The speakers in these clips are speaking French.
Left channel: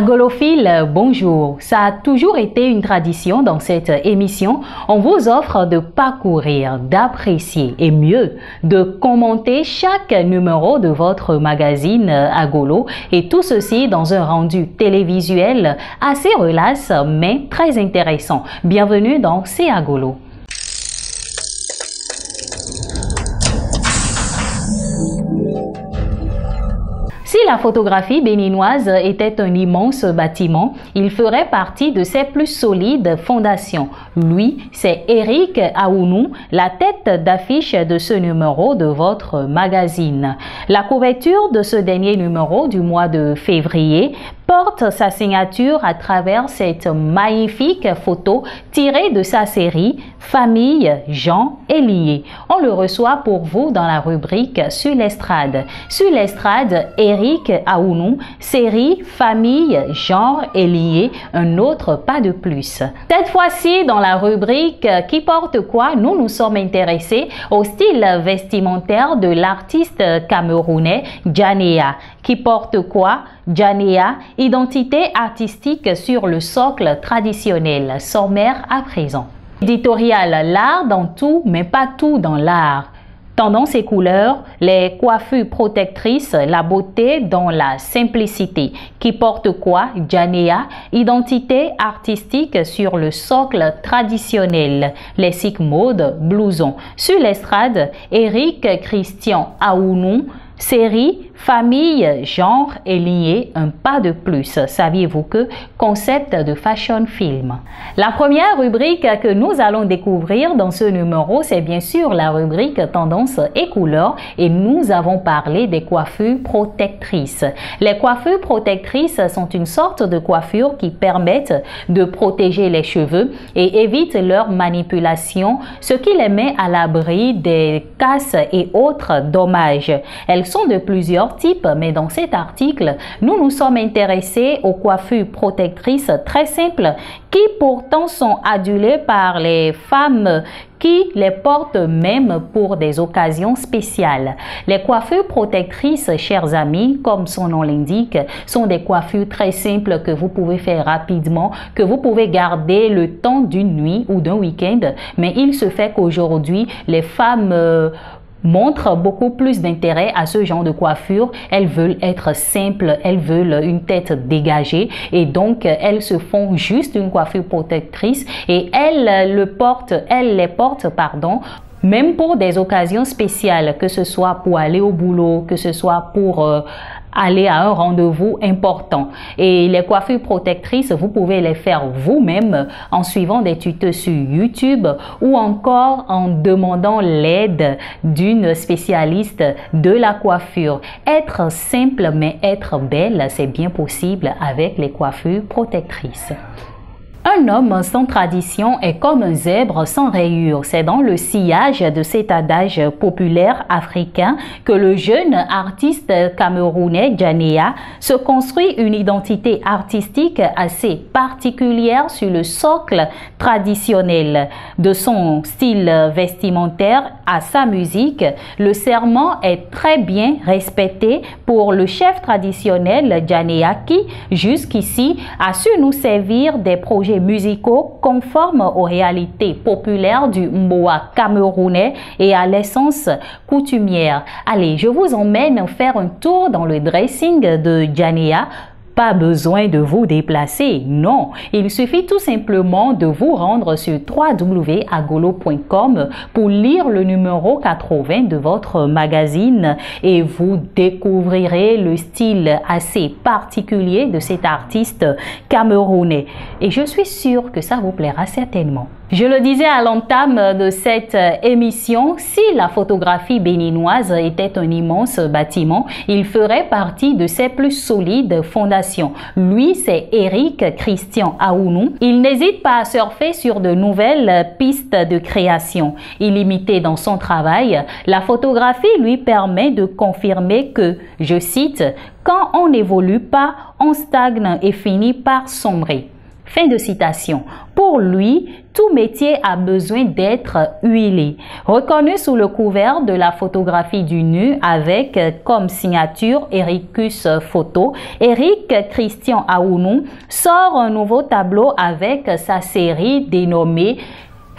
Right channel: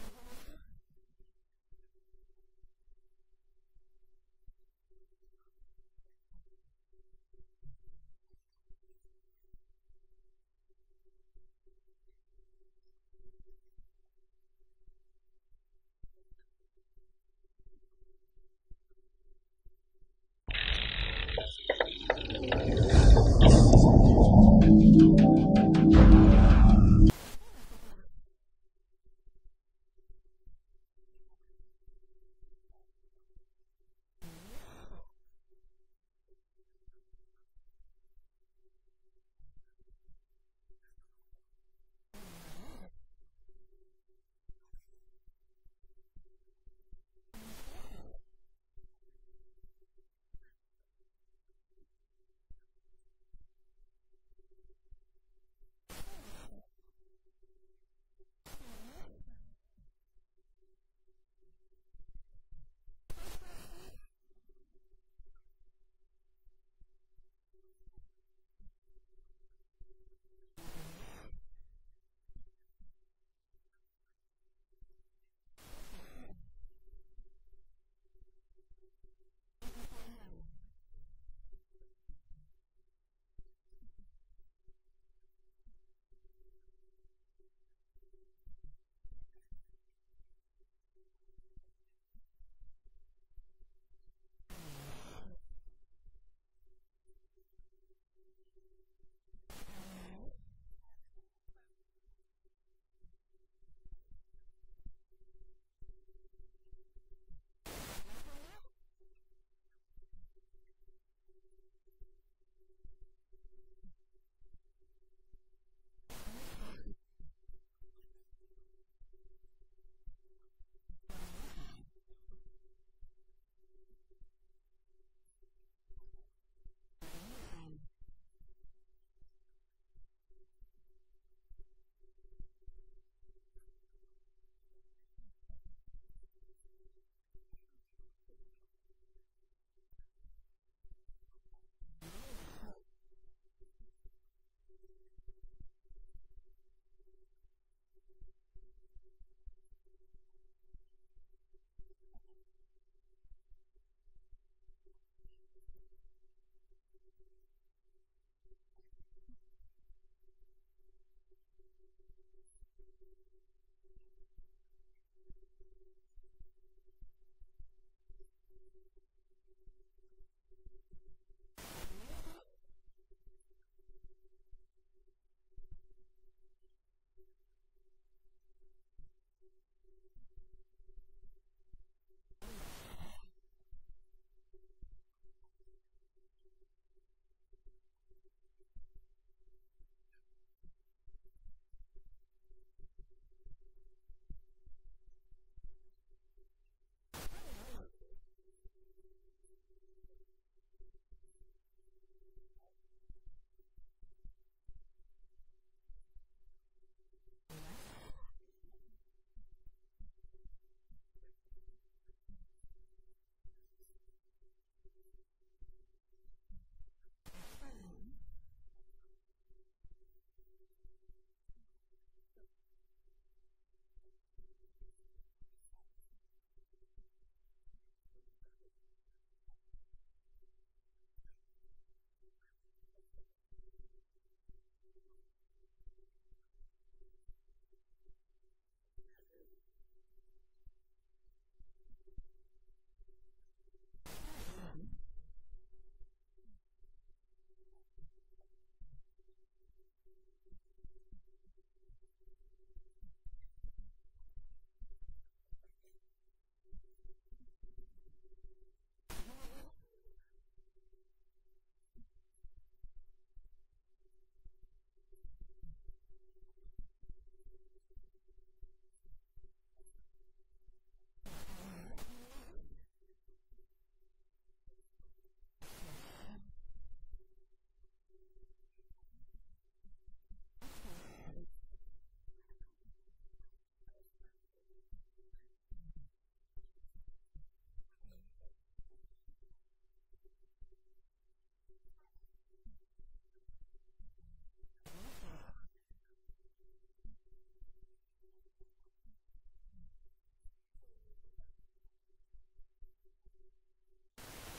Agolophile, bonjour. Ça a toujours été une tradition dans cette émission. On vous offre de parcourir, d'apprécier et mieux, de commenter chaque numéro de votre magazine Agolo et tout ceci dans un rendu télévisuel assez relax mais très intéressant. Bienvenue dans C'est Agolo. Si la photographie béninoise était un immense bâtiment, il ferait partie de ses plus solides fondations. Lui, c'est Eric Aounou, la tête d'affiche de ce numéro de votre magazine. La couverture de ce dernier numéro du mois de février porte sa signature à travers cette magnifique photo tirée de sa série Famille, gens et liés. On le reçoit pour vous dans la rubrique Sur l'estrade. Sur l'estrade, Eric Aounou, série Famille, genre et liés, un autre pas de plus. Cette fois-ci, dans la rubrique Qui porte quoi, nous nous sommes intéressés au style vestimentaire de l'artiste camerounais Djanea. Qui porte quoi? Djanea, identité artistique sur le socle traditionnel, sommaire à présent. Éditorial, l'art dans tout, mais pas tout dans l'art. Tendance et couleurs, les coiffures protectrices, la beauté dans la simplicité. Qui porte quoi? Djanea, identité artistique sur le socle traditionnel. Lexique mode, blouson. Sur l'estrade, Eric Christian Aounou, série, famille, genre et lié, un pas de plus. Saviez-vous que concept de fashion film? La première rubrique que nous allons découvrir dans ce numéro, c'est bien sûr la rubrique tendance et couleurs et nous avons parlé des coiffures protectrices. Les coiffures protectrices sont une sorte de coiffure qui permettent de protéger les cheveux et évitent leur manipulation, ce qui les met à l'abri des casses et autres dommages. Elles sont de plusieurs types, mais dans cet article, nous nous sommes intéressés aux coiffures protectrices très simples qui pourtant sont adulées par les femmes qui les portent même pour des occasions spéciales. Les coiffures protectrices, chers amis, comme son nom l'indique, sont des coiffures très simples que vous pouvez faire rapidement, que vous pouvez garder le temps d'une nuit ou d'un week-end, mais il se fait qu'aujourd'hui, les femmes montrent beaucoup plus d'intérêt à ce genre de coiffure. Elles veulent être simples, elles veulent une tête dégagée et donc elles se font juste une coiffure protectrice et elles les portent, même pour des occasions spéciales, que ce soit pour aller au boulot, que ce soit pour aller à un rendez-vous important. Et les coiffures protectrices, vous pouvez les faire vous-même en suivant des tutos sur YouTube ou encore en demandant l'aide d'une spécialiste de la coiffure. Être simple mais être belle, c'est bien possible avec les coiffures protectrices. Un homme sans tradition est comme un zèbre sans rayures. C'est dans le sillage de cet adage populaire africain que le jeune artiste camerounais Djanea se construit une identité artistique assez particulière sur le socle traditionnel. De son style vestimentaire à sa musique, le serment est très bien respecté pour le chef traditionnel Djanea qui, jusqu'ici, a su nous servir des projets musicaux conformes aux réalités populaires du mboa camerounais et à l'essence coutumière. Allez, je vous emmène faire un tour dans le dressing de Djanea. Pas besoin de vous déplacer, non. Il suffit tout simplement de vous rendre sur www.agolo.com pour lire le numéro 80 de votre magazine et vous découvrirez le style assez particulier de cet artiste camerounais. Et je suis sûre que ça vous plaira certainement. Je le disais à l'entame de cette émission, si la photographie béninoise était un immense bâtiment, il ferait partie de ses plus solides fondations. Lui, c'est Eric Christian Aounou. Il n'hésite pas à surfer sur de nouvelles pistes de création. Illimité dans son travail, la photographie lui permet de confirmer que, je cite, « Quand on n'évolue pas, on stagne et finit par sombrer ». Fin de citation. Pour lui, tout métier a besoin d'être huilé. Reconnu sous le couvert de la photographie du nu avec comme signature Ericus Photo, Eric Christian Aounou sort un nouveau tableau avec sa série dénommée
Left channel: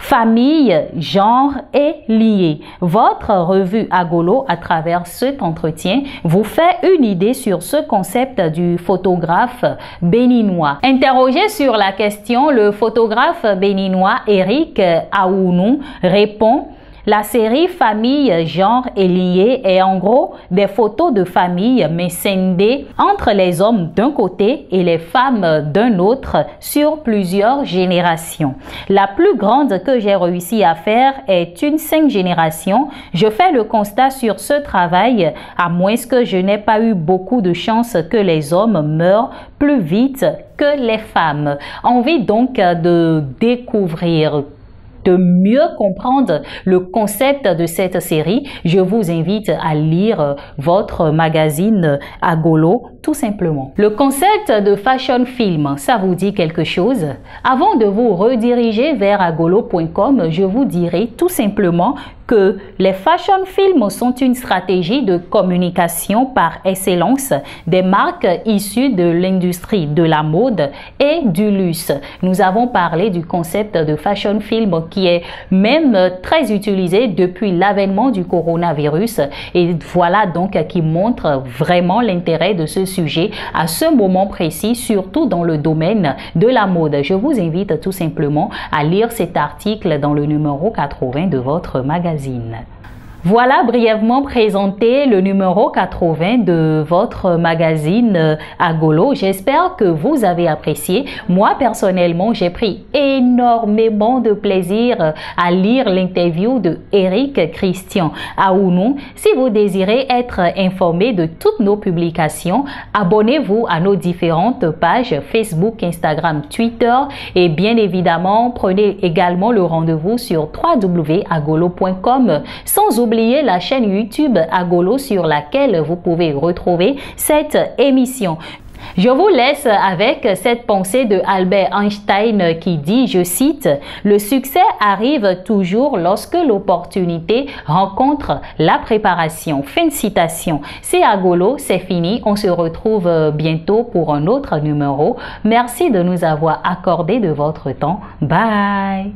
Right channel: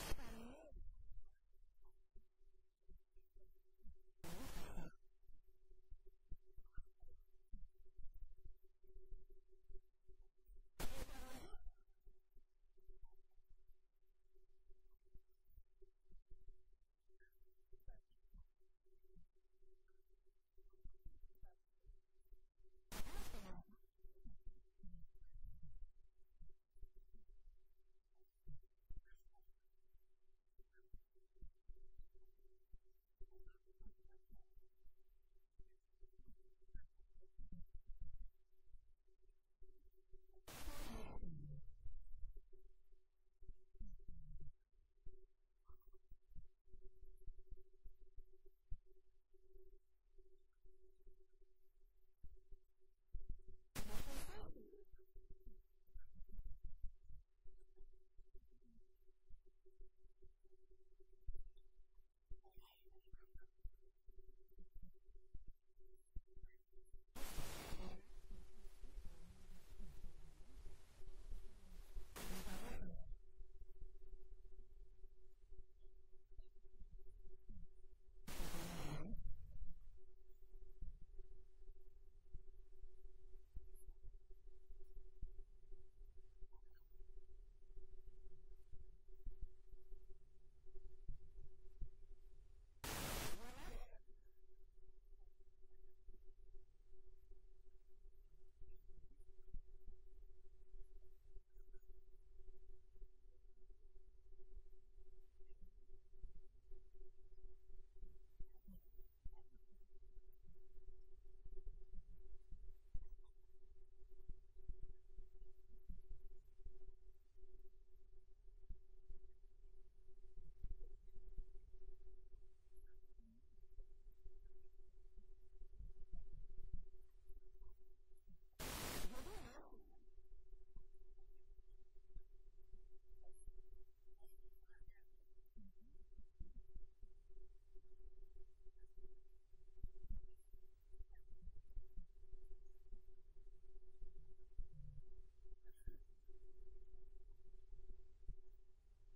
Famille, genre et lié. Votre revue Agolo, à travers cet entretien, vous fait une idée sur ce concept du photographe béninois. Interrogé sur la question, le photographe béninois Eric Aounou répond: la série Famille, genre et lié est en gros des photos de famille mais scindées entre les hommes d'un côté et les femmes d'un autre sur plusieurs générations. La plus grande que j'ai réussi à faire est une 5 générations. Je fais le constat sur ce travail, à moins que je n'ai pas eu beaucoup de chance que les hommes meurent plus vite que les femmes. Envie donc de découvrir, de mieux comprendre le concept de cette série, je vous invite à lire votre magazine Agolo, tout simplement. Le concept de fashion film, ça vous dit quelque chose? Avant de vous rediriger vers agolo.com, je vous dirai tout simplement que les fashion films sont une stratégie de communication par excellence des marques issues de l'industrie de la mode et du luxe. Nous avons parlé du concept de fashion film qui est même très utilisé depuis l'avènement du coronavirus, et voilà donc qui montre vraiment l'intérêt de ce sujet à ce moment précis, surtout dans le domaine de la mode. Je vous invite tout simplement à lire cet article dans le numéro 80 de votre magazine. Voilà brièvement présenté le numéro 80 de votre magazine Agolo. J'espère que vous avez apprécié. Moi, personnellement, j'ai pris énormément de plaisir à lire l'interview de Eric Christian Aounou. Si vous désirez être informé de toutes nos publications, abonnez-vous à nos différentes pages Facebook, Instagram, Twitter et bien évidemment, prenez également le rendez-vous sur www.agolo.com, sans oublier la chaîne YouTube Agolo sur laquelle vous pouvez retrouver cette émission. Je vous laisse avec cette pensée de Albert Einstein qui dit, je cite, « Le succès arrive toujours lorsque l'opportunité rencontre la préparation ». Fin de citation. C'est Agolo, c'est fini. On se retrouve bientôt pour un autre numéro. Merci de nous avoir accordé de votre temps. Bye!